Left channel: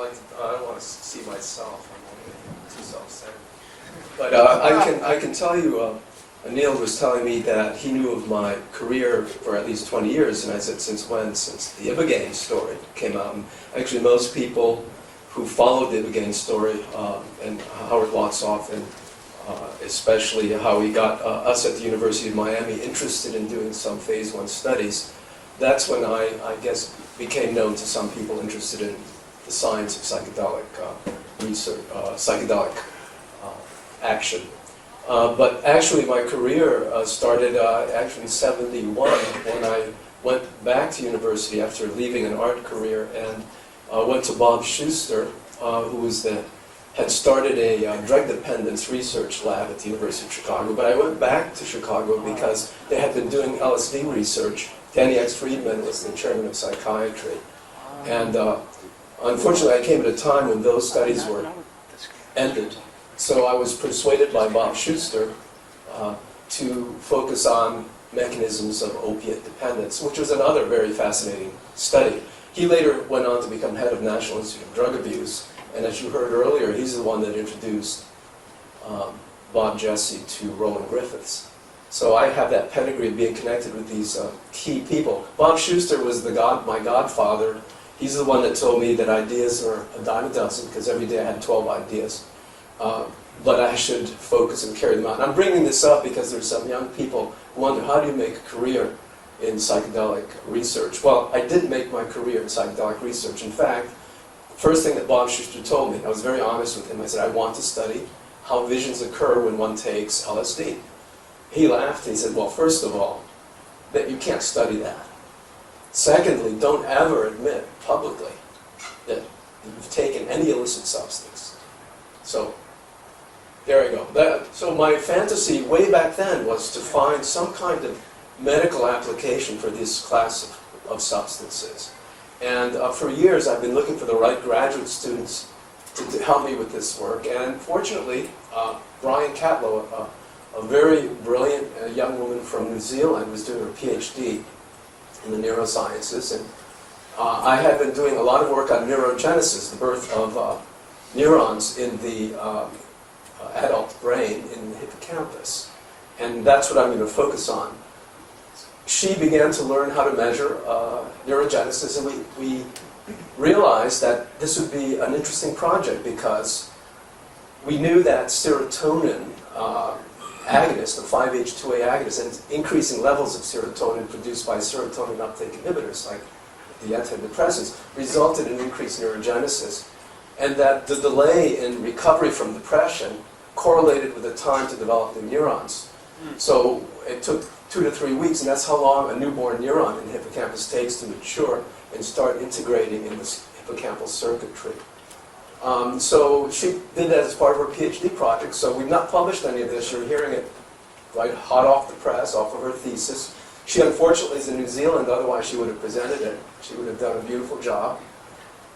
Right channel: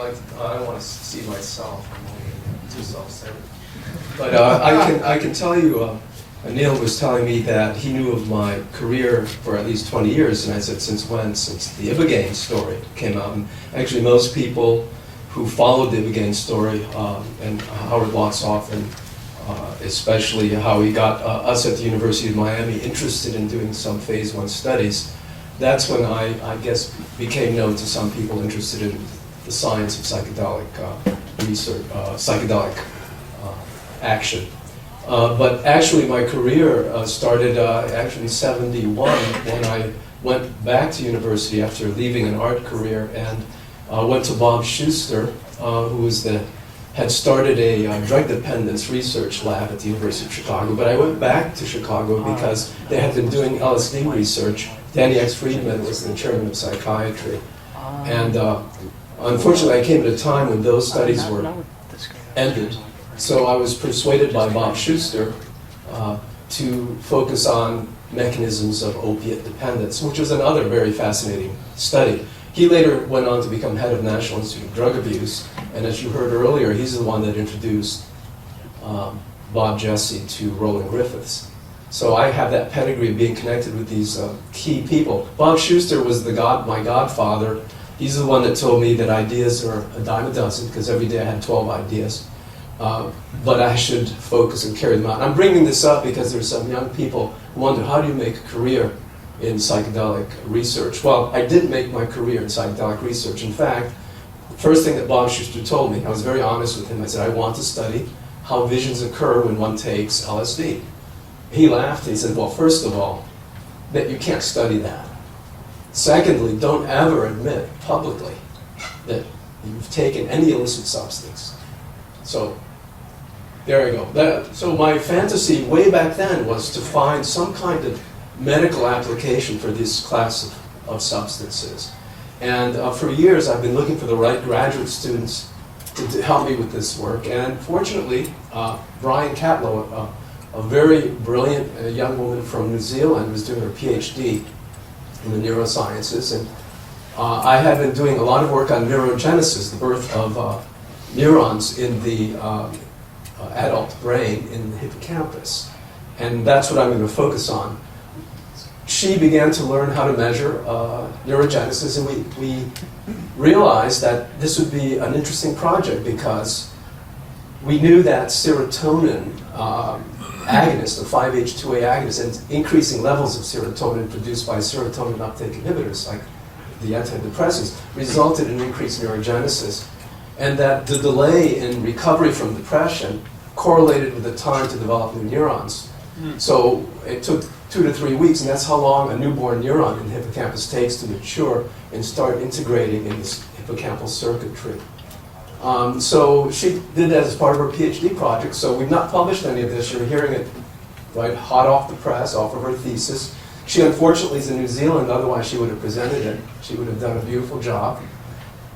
I don't want to see myself. I'm only too self-centered. But I can tell you, Neil was telling me that he knew of my career for at least 20 years, and I said, since when? Since the Ibogaine story came out. And actually, most people who followed the Ibogaine story, and Howard Lotsoff, and especially how he got us at the University of Miami interested in doing some phase 1 studies, that's when I guess became known to some people interested in the science of psychedelic research, psychedelic action. But actually my career started actually in '71 when I went back to university after leaving an art career, and went to Bob Schuster, who had started a drug dependence research lab at the University of Chicago. But I went back to Chicago because they had been doing LSD research. Danny X. Friedman was the chairman of psychiatry. And unfortunately I came at a time when those studies were ended. So I was persuaded by Bob Schuster to focus on mechanisms of opiate dependence, which was another very fascinating study. He later went on to become head of National Institute of Drug Abuse, and as you heard earlier, he's the one that introduced Bob Jesse to Roland Griffiths. So I have that pedigree of being connected with these key people. Bob Schuster was my godfather. He's the one that told me that ideas are a dime a dozen, because every day I had 12 ideas. But I should focus and carry them out. And I'm bringing this up because there's some young people who wonder, how do you make a career in psychedelic research? Well, I didn't make my career in psychedelic research. In fact, the first thing that Bob Schuster told me, I was very honest with him, I said, I want to study how visions occur when one takes LSD. He laughed, he said, well, first of all, that you can't study that. Secondly, don't ever admit publicly that you've taken any illicit substance. So, there I go. So my fantasy way back then was to find some kind of medical application for this class of substances. And for years I've been looking for the right graduate students to help me with this work. And fortunately, Briony Catlow, a very brilliant young woman from New Zealand, was doing her PhD in the neurosciences. And I had been doing a lot of work on neurogenesis, the birth of neurons in the adult brain in the hippocampus. And that's what I'm going to focus on. She began to learn how to measure neurogenesis, and we realized that this would be an interesting project because we knew that serotonin agonist, the 5-H2A agonist, and increasing levels of serotonin produced by serotonin uptake inhibitors, like the antidepressants, resulted in increased neurogenesis, and that the delay in recovery from depression correlated with the time to develop new neurons. So it took 2 to 3 weeks, and that's how long a newborn neuron in the hippocampus takes to mature and start integrating in this hippocampal circuitry. So she did that as part of her PhD project. So we've not published any of this. You're hearing it right hot off the press, off of her thesis. She unfortunately is in New Zealand, otherwise she would have presented it. She would have done a beautiful job.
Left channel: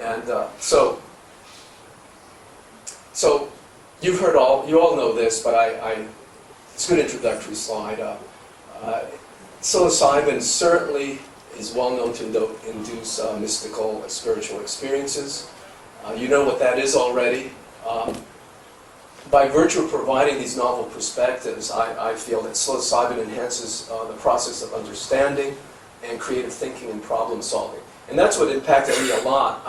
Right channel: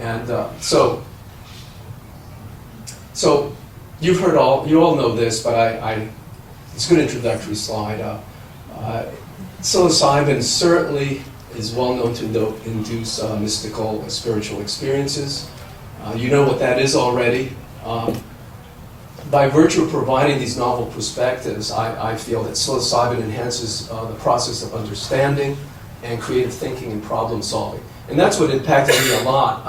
And so you've heard you all know this, but it's a good introductory slide. Psilocybin certainly is well known to induce mystical spiritual experiences. You know what that is already. By virtue of providing these novel perspectives, I feel that psilocybin enhances the process of understanding and creative thinking and problem solving. And that's what impacted me a lot.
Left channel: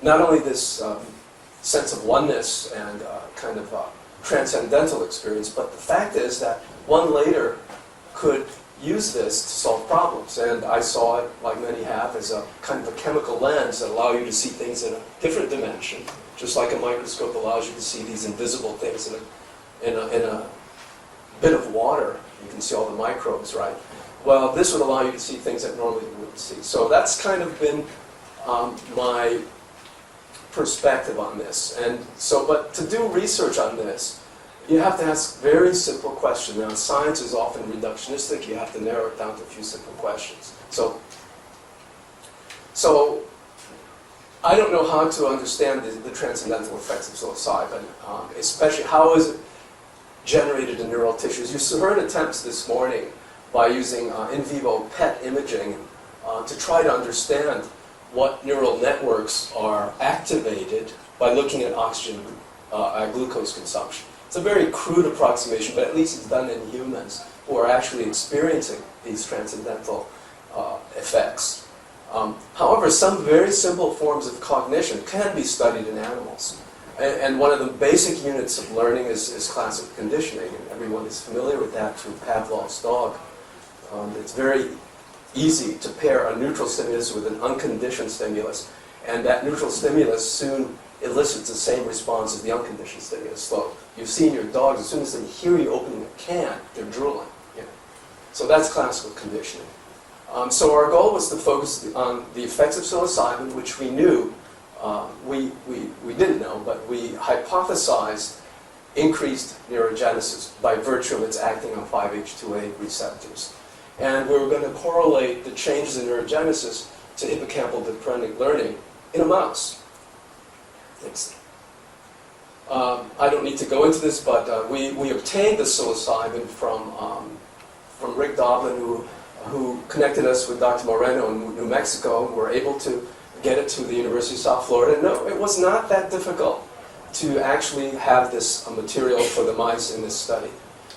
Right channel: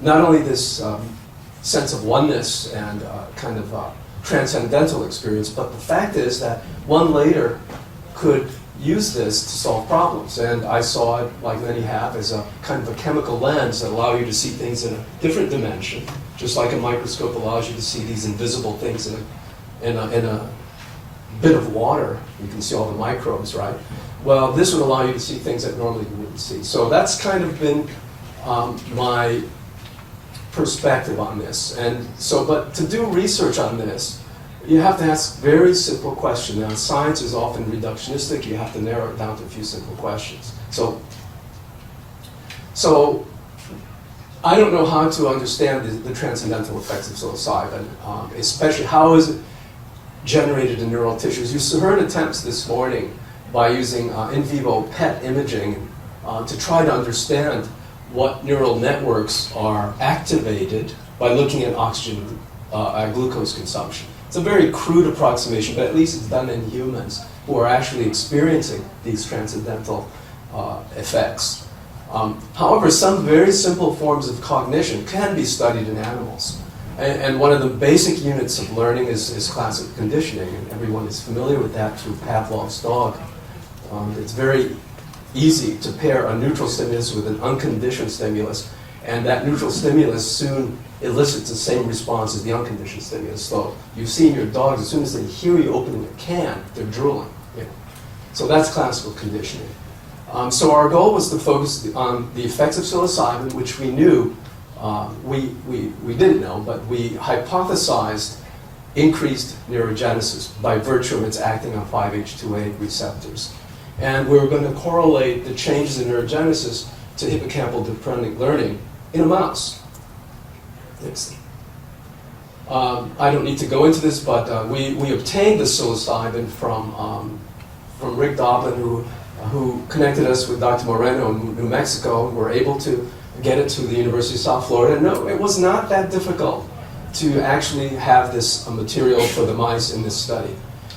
Not only this sense of oneness and kind of transcendental experience, but the fact is that one later could use this to solve problems. And I saw it, like many have, as a kind of a chemical lens that allow you to see things in a different dimension, just like a microscope allows you to see these invisible things in a bit of water. You can see all the microbes, right? Well, this would allow you to see things that normally you wouldn't see. So that's kind of been my perspective on this. And so, but to do research on this, you have to ask very simple questions. Now, science is often reductionistic. You have to narrow it down to a few simple questions. So I don't know how to understand the transcendental effects of psilocybin, especially how is it generated in neural tissues. You heard attempts this morning by using in vivo PET imaging to try to understand what neural networks are activated by looking at glucose consumption. It's a very crude approximation, but at least it's done in humans who are actually experiencing these transcendental effects. However, some very simple forms of cognition can be studied in animals. And one of the basic units of learning is classical conditioning, and everyone is familiar with that through Pavlov's dog. It's very easy to pair a neutral stimulus with an unconditioned stimulus, and that neutral stimulus soon elicits the same response as the unconditioned stimulus. So you've seen your dogs, as soon as they hear you open the can, they're drooling. You know. So that's classical conditioning. So our goal was to focus on the effects of psilocybin, which we knew, we didn't know, but we hypothesized increased neurogenesis by virtue of its acting on 5-HT2A receptors. And we were going to correlate the changes in neurogenesis to hippocampal dependent learning in a mouse. Next. I don't need to go into this, but we obtained the psilocybin from Rick Doblin, who connected us with Dr. Moreno in New Mexico, and were able to get it to the University of South Florida. No, it was not that difficult to actually have this material for the mice in this study.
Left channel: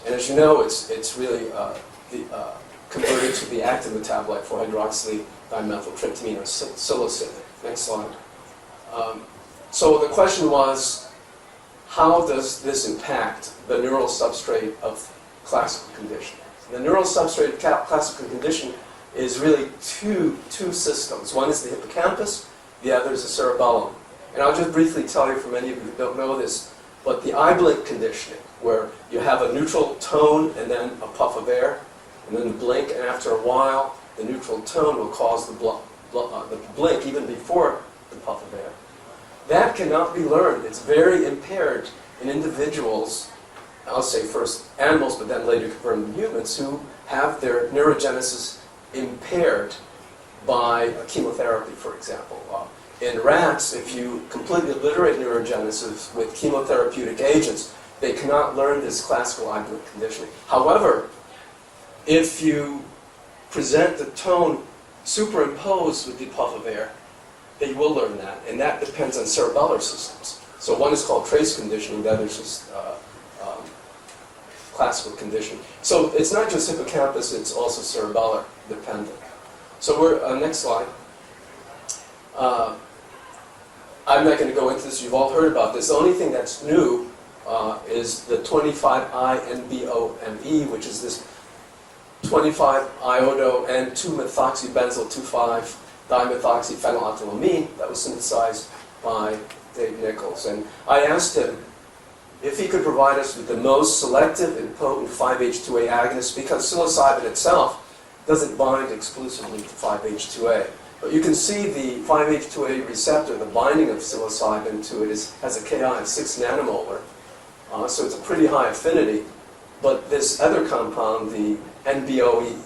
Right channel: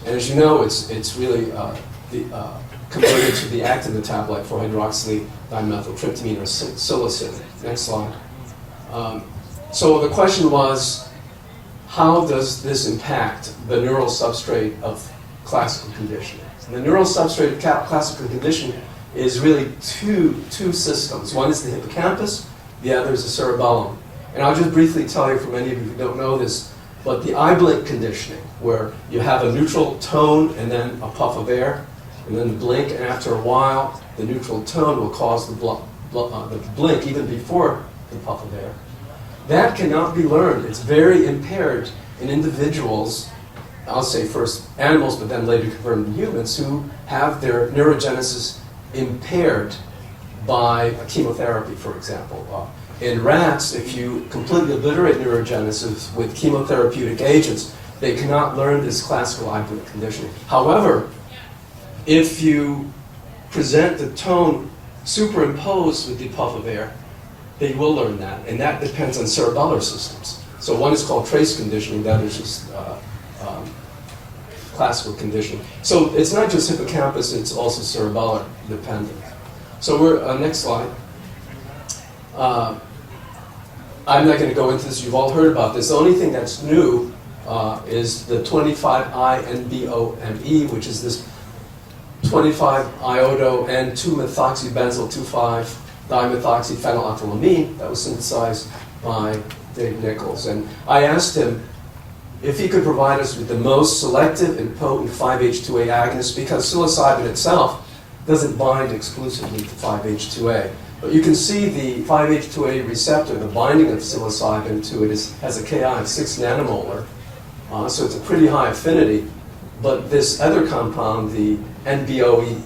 And as you know, it's really converted to the active metabolite for hydroxy dimethyltryptamine or psilocin. Next slide. So the question was, how does this impact the neural substrate of classical conditioning? And the neural substrate of classical conditioning is really two systems. One is the hippocampus, the other is the cerebellum. And I'll just briefly tell you, for many of you who don't know this, but the eye blink conditioning, where you have a neutral tone and then a puff of air, and then the blink, and after a while, the neutral tone will cause the blink even before the puff of air. That cannot be learned. It's very impaired in individuals, I'll say first animals, but then later confirmed in humans, who have their neurogenesis impaired by chemotherapy, for example. In rats, if you completely obliterate neurogenesis with chemotherapeutic agents, they cannot learn this classical eye blink conditioning. However, if you present the tone superimposed with the puff of air, they will learn that, and that depends on cerebellar systems. So one is called trace conditioning, the other is just classical conditioning. So it's not just hippocampus, it's also cerebellar dependent. So we're, next slide. I'm not going to go into this, you've all heard about this. The only thing that's new is the 25-I-NBOME, which is this 25-iodo and 2-methoxybenzyl 2,5-dimethoxyphenylethylamine that was synthesized by Dave Nichols. And I asked him if he could provide us with the most selective and potent 5-HT2A agonist, because psilocybin itself doesn't bind exclusively to 5-HT2A. But you can see the 5-HT2A receptor, the binding of psilocybin to it has a Ki of 6 nanomolar, so it's a pretty high affinity. But this other compound, the NBOME,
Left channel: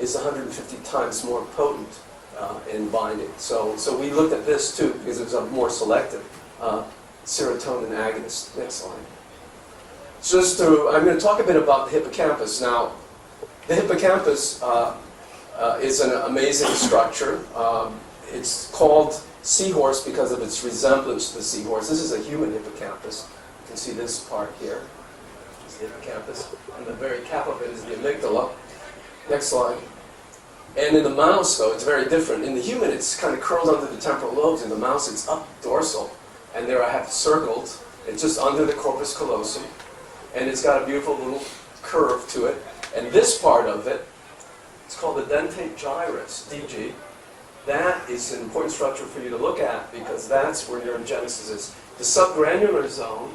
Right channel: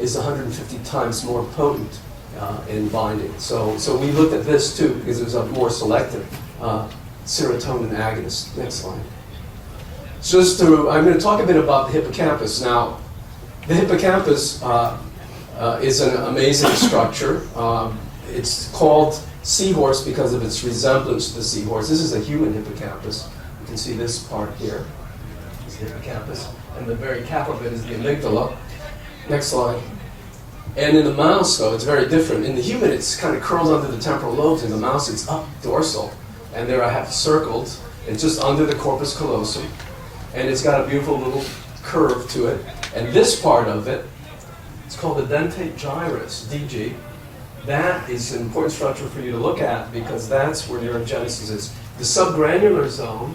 is 150 times more potent in binding. So we looked at this too, because it was a more selective serotonin agonist. Next slide. I'm going to talk a bit about the hippocampus. Now, the hippocampus is an amazing structure. It's called seahorse because of its resemblance to the seahorse. This is a human hippocampus. You can see this part here. It's the hippocampus. And the very cap of it is the amygdala. Next slide. And in the mouse, though, it's very different. In the human, it's kind of curled under the temporal lobes. In the mouse, it's up dorsal. And there I have circled. It's just under the corpus callosum. And it's got a beautiful little curve to it. And this part of it, it's called the dentate gyrus, DG. That is an important structure for you to look at because that's where neurogenesis is. The subgranular zone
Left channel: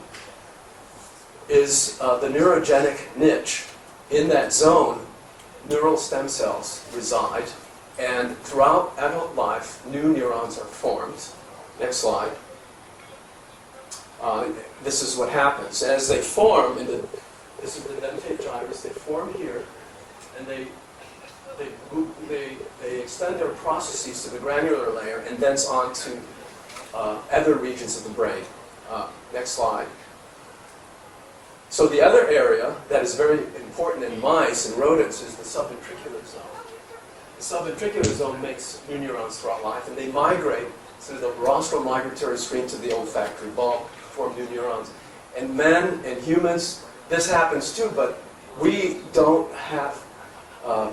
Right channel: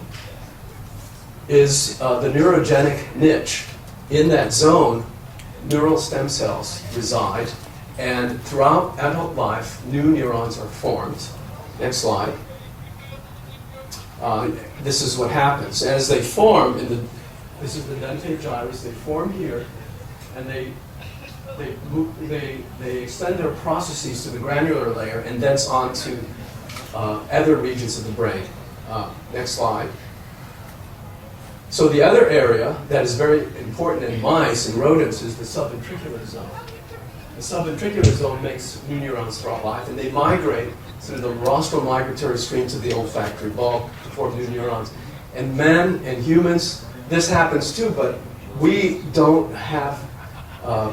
is the neurogenic niche. In that zone, neural stem cells reside, and throughout adult life, new neurons are formed. Next slide. This is what happens. As they form, this is the dentate gyrus, they form here, and they extend their processes to the granular layer and thence on to other regions of the brain. Next slide. So the other area that is very important in mice and rodents is the subventricular zone. The subventricular zone makes new neurons throughout life, and they migrate through the rostral migratory stream to the olfactory bulb to form new neurons. And men and humans, this happens too, but we don't have a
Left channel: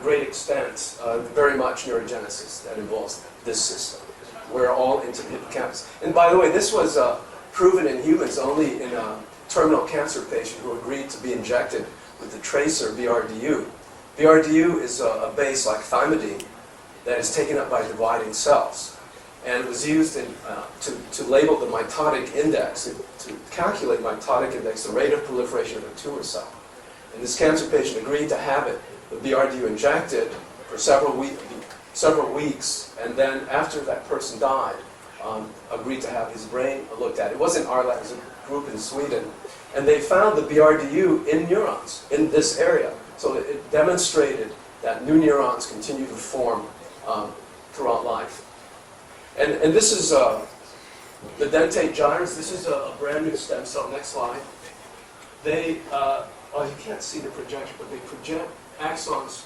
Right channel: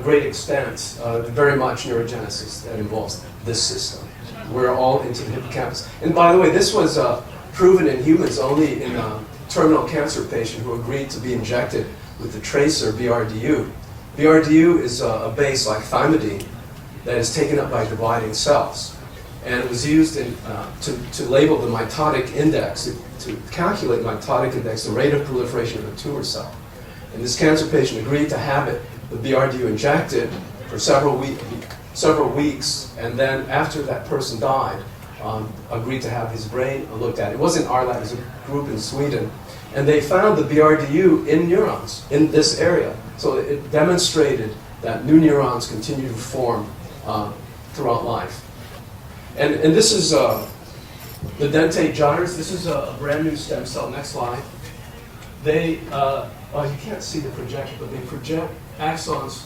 great extent, very much neurogenesis that involves this system. We're all into the hippocampus. And by the way, this was proven in humans only in a terminal cancer patient who agreed to be injected with the tracer BRDU. BRDU is a base like thymidine that is taken up by dividing cells. And it was used to label the mitotic index, to calculate mitotic index, the rate of proliferation of a tumor cell. And this cancer patient agreed to have it, the BRDU injected for several weeks, and then after that person died, agreed to have his brain looked at. It wasn't our lab, it was a group in Sweden. And they found the BRDU in neurons in this area. So it demonstrated that new neurons continue to form throughout life. And this is the dentate gyrus. This is a brand new stem cell. Next slide. They, you can't see the projection, but they project axons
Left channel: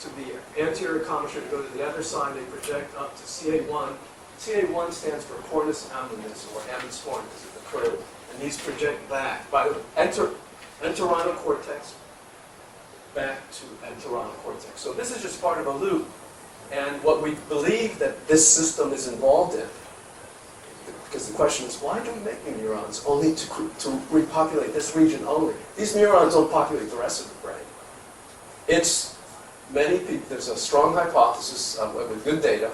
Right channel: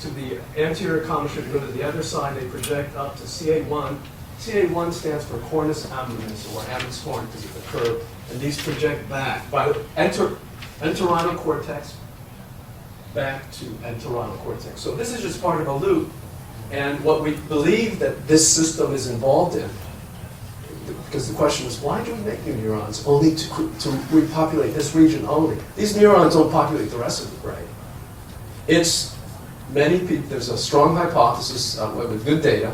to the anterior commissure to go to the other side. They project up to CA1. CA1 stands for cornus ammonis, or Ammon's horn, because of the curve. And these project back by the entorhinal cortex back to entorhinal cortex. So this is just part of a loop. And what we believe that this system is involved in, because the question is, why do we make new neurons only to repopulate this region only? These neurons don't populate the rest of the brain. It's many people, there's a strong hypothesis with good data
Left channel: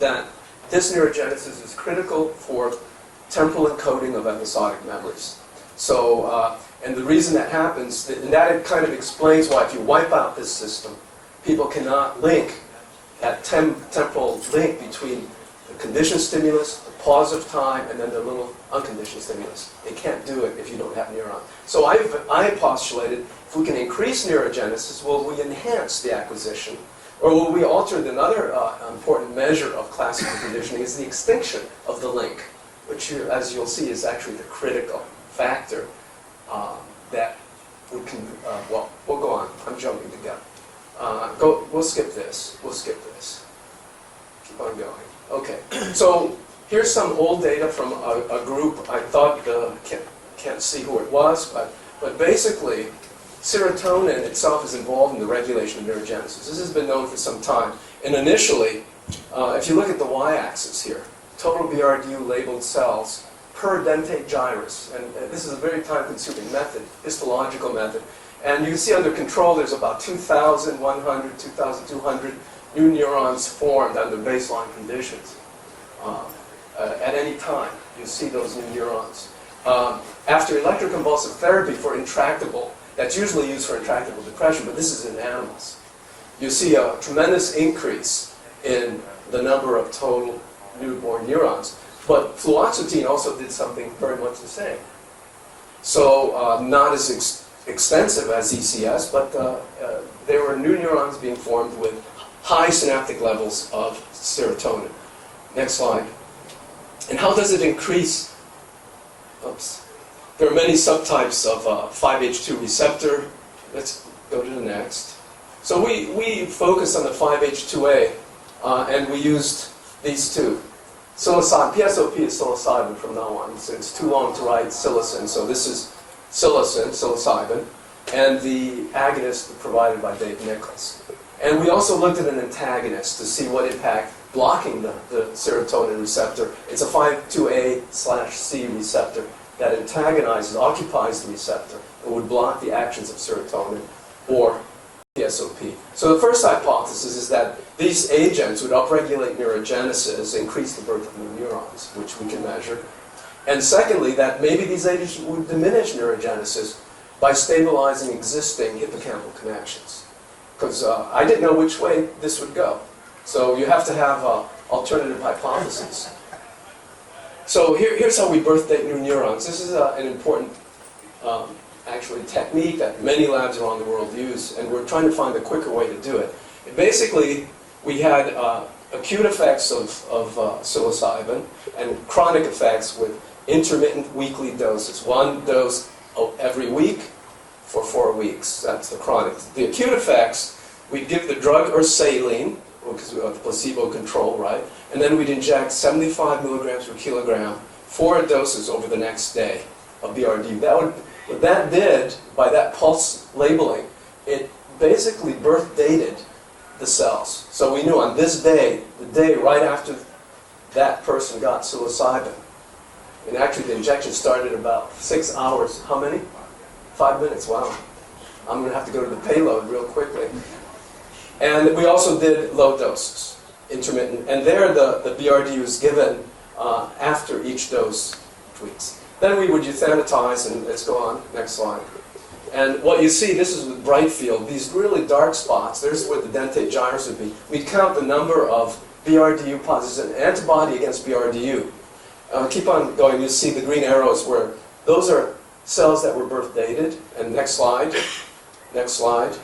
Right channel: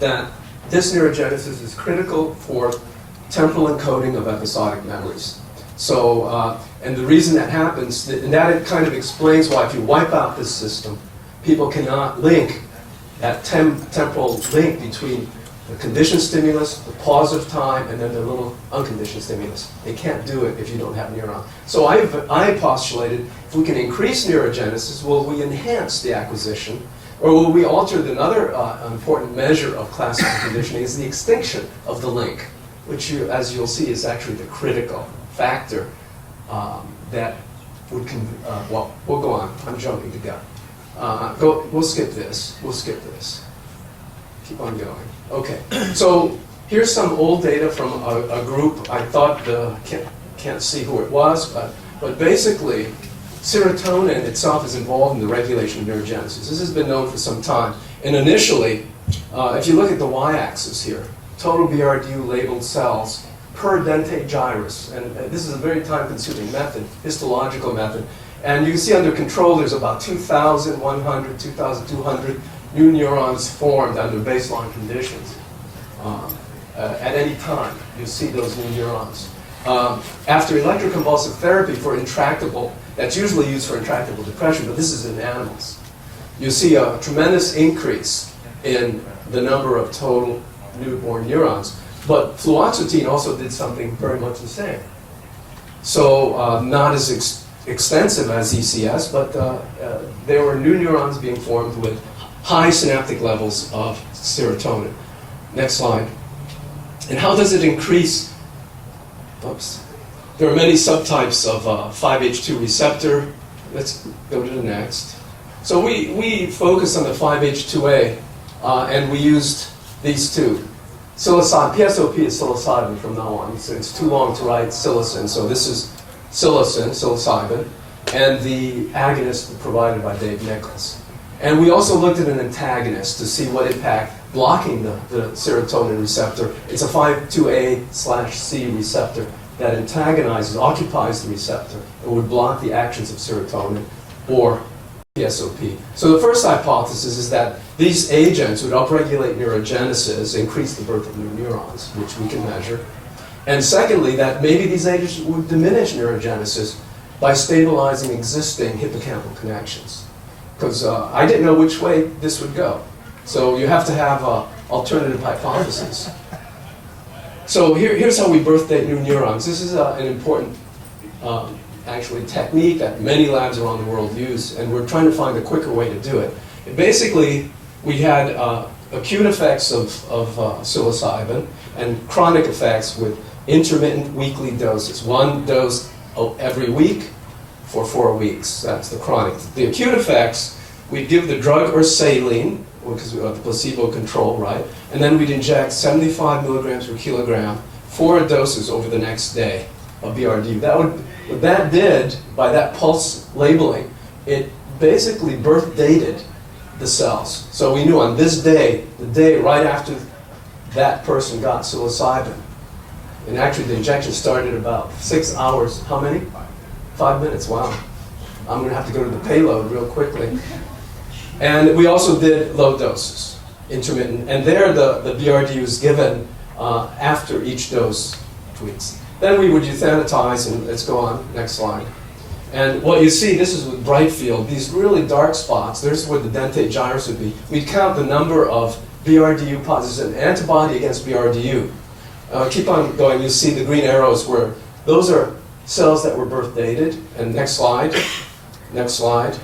that this neurogenesis is critical for temporal encoding of episodic memories. So, and the reason that happens, and that kind of explains why if you wipe out this system, people cannot link that temporal link between the conditioned stimulus, the pause of time, and then the little unconditioned stimulus. They can't do it if you don't have neuron. So I postulated, if we can increase neurogenesis, will we enhance the acquisition? Or will we alter another important measure of classical conditioning is the extinction of the link, which, as you'll see, is actually the critical factor that would, well, we'll go on. I'm jumping the gun. We'll skip this. We'll skip this. Keep on going. Okay. So here's some old data from a group. I thought, can't see who it was, but basically, serotonin itself is involved in the regulation of neurogenesis. This has been known for some time. And initially, if you look at the y-axis here, total BRDU labeled cells per dentate gyrus. And this is a very time-consuming method, histological method. And you can see under control, there's about 2,100, 2,200 new neurons formed under baseline conditions. At any time, you see those new neurons. After electroconvulsive therapy for intractable, that's usually used for intractable depression, but this is in animals. You see a tremendous increase in the number of total newborn neurons. But fluoxetine also did something very much the same. So not as extensive as ECS, but there were new neurons being formed with high synaptic levels of serotonin. Next slide. And how does it increase? Oops. There are many subtypes of 5-H2 receptor. Let's go to the next. So we focus on the 5-H2A, and we used these two. Psilocybin, PSOP is psilocybin from now on. It's too long to write psilocin, so this is psilocybin, and the agonist provided by Dave Nichols. And we also looked at an antagonist to see what impact blocking the serotonin receptor. It's a 5-2A/C receptor that antagonizes, occupies the receptor. It would block the actions of serotonin or PSOP. So the first hypothesis is that these agents would upregulate neurogenesis, increase the birth of new neurons, which we can measure. And secondly, that maybe these agents would diminish neurogenesis by stabilizing existing hippocampal connections. Because I didn't know which way this would go. So you have to have alternative hypotheses. So here's how we birthdate new neurons. This is an important, actually, technique that many labs around the world use, and we're trying to find a quicker way to do it. Basically, we had acute effects of psilocybin and chronic effects with intermittent weekly doses. One dose every week for 4 weeks. That's the chronic. The acute effects, we'd give the drug or saline, because we have the placebo control, right? And then we'd inject 75 milligrams per kilogram, 4 doses over the next day of BRD. What that did, by that pulse labeling, it basically birth dated the cells. So we knew on this day, the day right after that person got psilocybin, and actually the injection started about 6 hours. How many? 5 minutes, wow. I'm going to have to go to the payload real quickly. And we also did low doses, intermittent. And there the BRD was given after each dose weeks. Then we would euthanatize, and let's go on, next slide. And what you see, this is with bright field, these really dark spots, there's where the dentate gyrus would be. We'd count the number of BRDU positives, an antibody against BRDU. Keep on going, you'll see the green arrows where those are cells that were birth dated. And next slide, next slide.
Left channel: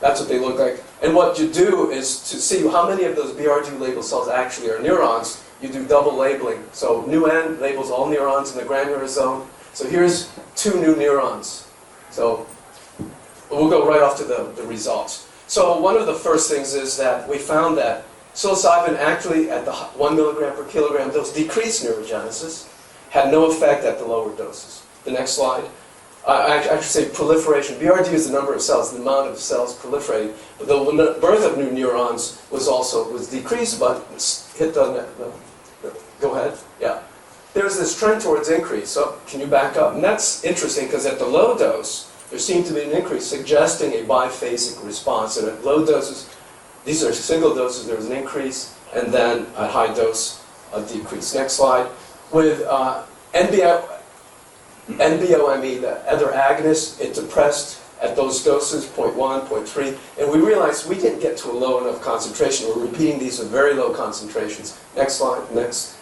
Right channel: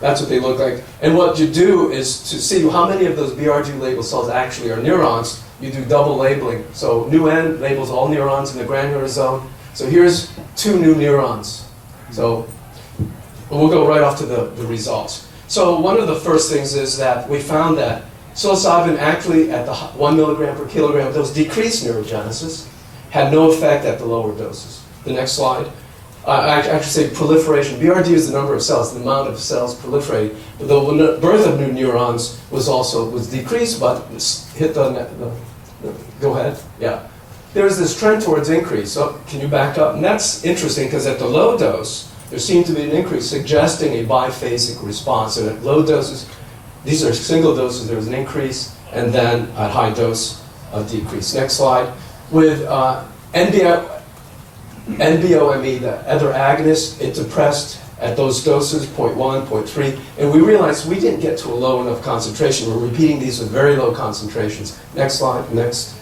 That's what they look like. And what you do is to see how many of those BRDU labeled cells actually are neurons, you do double labeling. So new N labels all neurons in the granular zone. So here's 2 new neurons. So we'll go right off to the results. So one of the first things is that we found that psilocybin actually at the 1 milligram per kilogram dose decreased neurogenesis, had no effect at the lower doses. The next slide. I should say proliferation. BRD is the number of cells, the amount of cells proliferating. But the birth of new neurons was decreased, but hit go ahead. Yeah. There's this trend towards increase. So can you back up? And that's interesting because at the low dose, there seemed to be an increase suggesting a biphasic response. And at low doses, these are single doses, there was an increase, and then at high dose, a decrease. Next slide. With NBOME, the other agonist, it depressed at those doses, 0.1, 0.3, and we realized we didn't get to a low enough concentration. We're repeating these with very low concentrations. Next slide, next.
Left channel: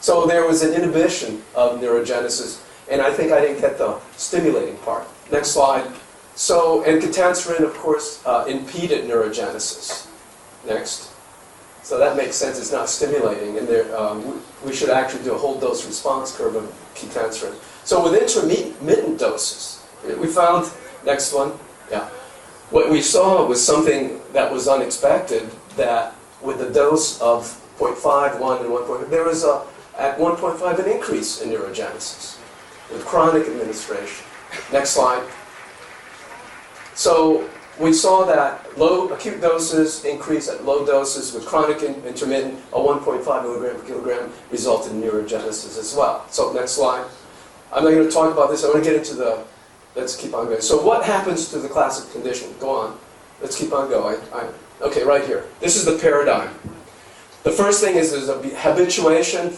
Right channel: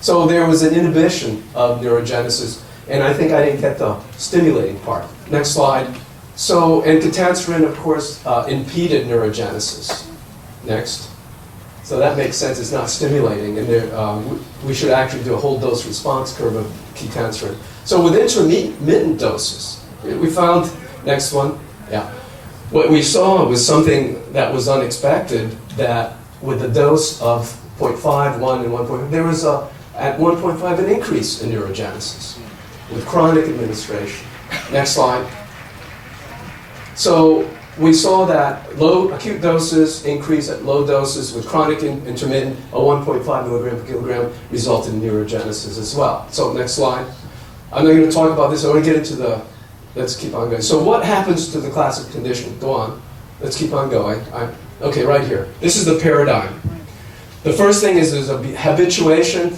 So there was an inhibition of neurogenesis, and I think I didn't get the stimulating part. Next slide. So, and ketanserin, of course, impeded neurogenesis. Next. So that makes sense, it's not stimulating, and there, we should actually do a whole dose response curve of ketanserin. So with intermittent doses, we found, next one, yeah. What we saw was something that was unexpected, that with a dose of 0.5, 1, and 1.5, there was at 1.5 an increase in neurogenesis with chronic administration. Next slide. So we saw that low acute doses increase at low doses with chronic intermittent, a 1.5 milligram per kilogram resulted in neurogenesis as well. So next slide. I'm not going to talk about this. I want to get into the, let's keep on going. So what happens to the classic condition? Go on. Let's keep on going. Okay, right here. This is the paradigm. The first thing is there's a habituation,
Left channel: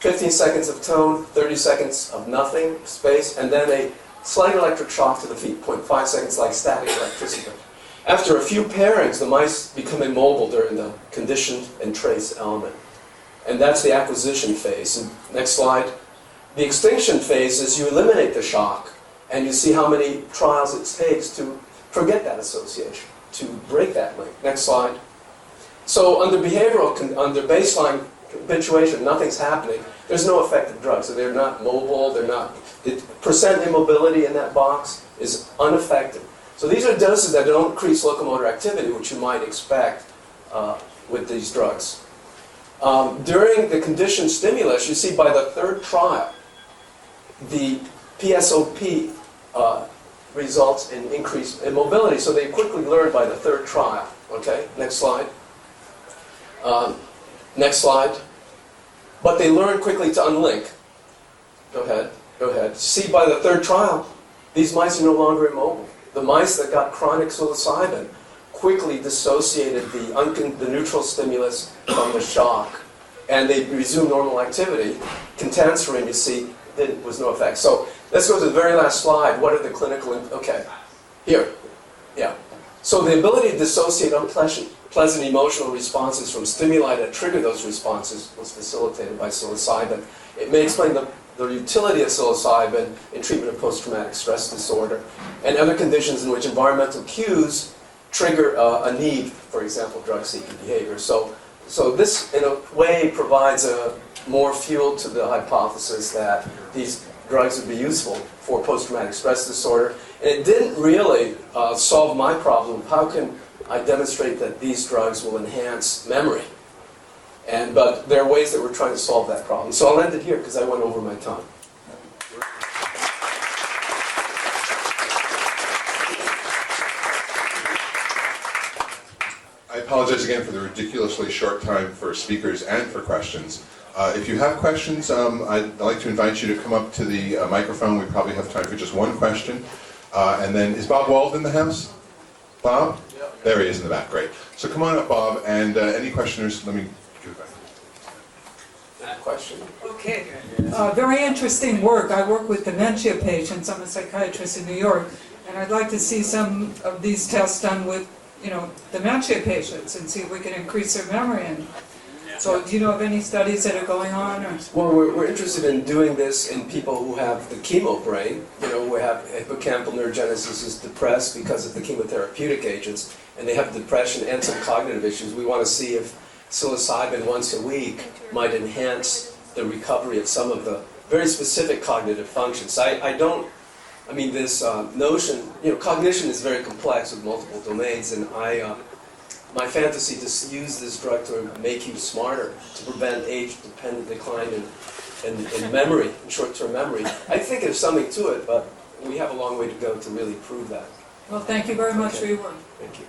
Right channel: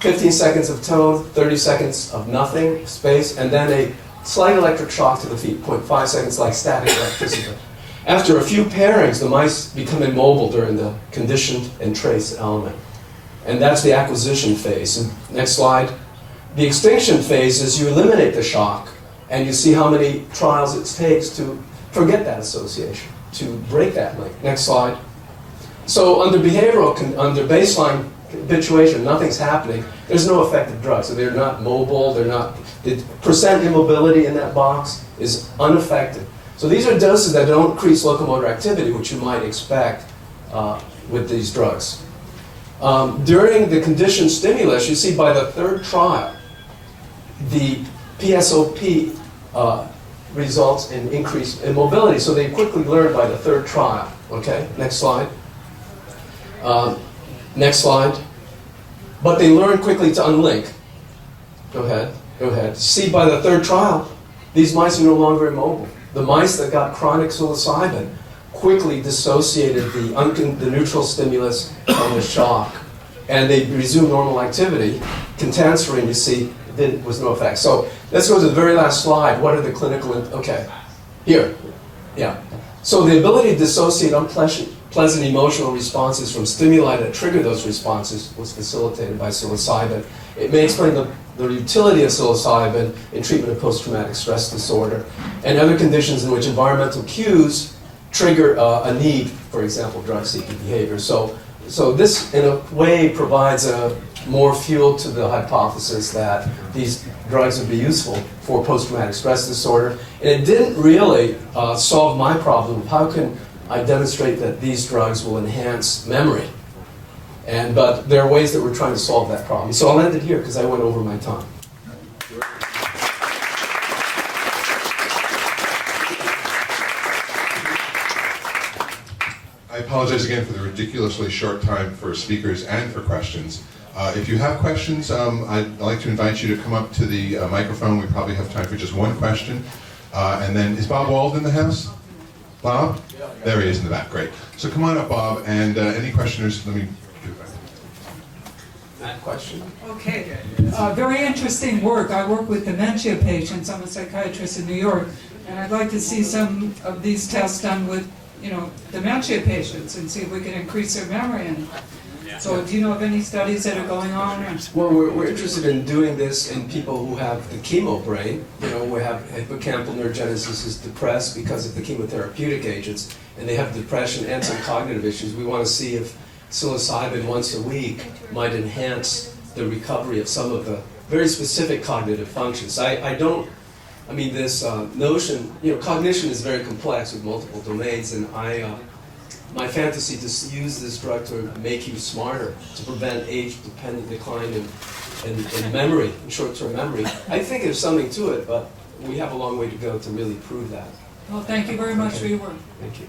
15 seconds of tone, 30 seconds of nothing, space, and then a slight electric shock to the feet, 0.5 seconds like static electricity. After a few pairings, the mice become immobile during the conditioned and trace element. And that's the acquisition phase. And next slide. The extinction phase is you eliminate the shock, and you see how many trials it takes to forget that association, to break that link. Next slide. So under under baseline habituation, nothing's happening. There's no effective drug, so they're not mobile, the percent immobility in that box is unaffected. So these are doses that don't increase locomotor activity, which you might expect with these drugs. During the conditioned stimulus, you see by the third trial, the PSOP results in increased immobility. So they quickly learn by the third trial. Okay, next slide. Next slide. But they learn quickly to unlink. Go ahead. See, by the third trial, these mice are no longer immobile. The mice that got chronic psilocybin quickly dissociated the neutral stimulus from the shock, and they resumed normal activity. Ketanserin, you see, was no effect. So let's go to the very last slide. What are the clinical, okay, here, yeah. So the ability to dissociate unpleasant emotional responses from stimuli that trigger those responses was facilitated by psilocybin. It may explain the utility of psilocybin in treatment of post-traumatic stress disorder and other conditions in which environmental cues trigger a need, for example, drug-seeking behavior. So this, in a way, provides more fuel to the hypothesis that these drugs would be useful for post-traumatic stress disorder. And it didn't really solve my problem of how can I demonstrate that these drugs will enhance memory. But there are ways that we're trying to solve that problem. So I'll end it here because I went over my time. I apologize again for the ridiculously short time for speakers and for questions. If you have questions, I'd like to invite you to come up to the microphone. We probably have time for just one question. And then, is Bob Wald in the house? Bob? There he is in the back, great. So come on up, Bob, and any questioners, let me do it back. That question? Okay. Very interesting work. I work with dementia patients. I'm a psychiatrist in New York, and I'd like to see some of these tests done with, dementia patients and see if we can increase their memory. And so, do you know of any studies that are going on? Well, we're interested in doing this in people who have the chemo brain. We have hippocampal neurogenesis is depressed because of the chemotherapeutic agents, and they have depression and some cognitive issues. We want to see if psilocybin once a week might enhance the recovery of some of the very specific cognitive functions. This notion, cognition is very complex with multiple domains, and my fantasy to use this drug to make you smarter, to prevent age-dependent decline in memory, in short-term memory. I think there's something to it, but we have a long way to go to really prove that. Well, thank you very much for your work. Thank you.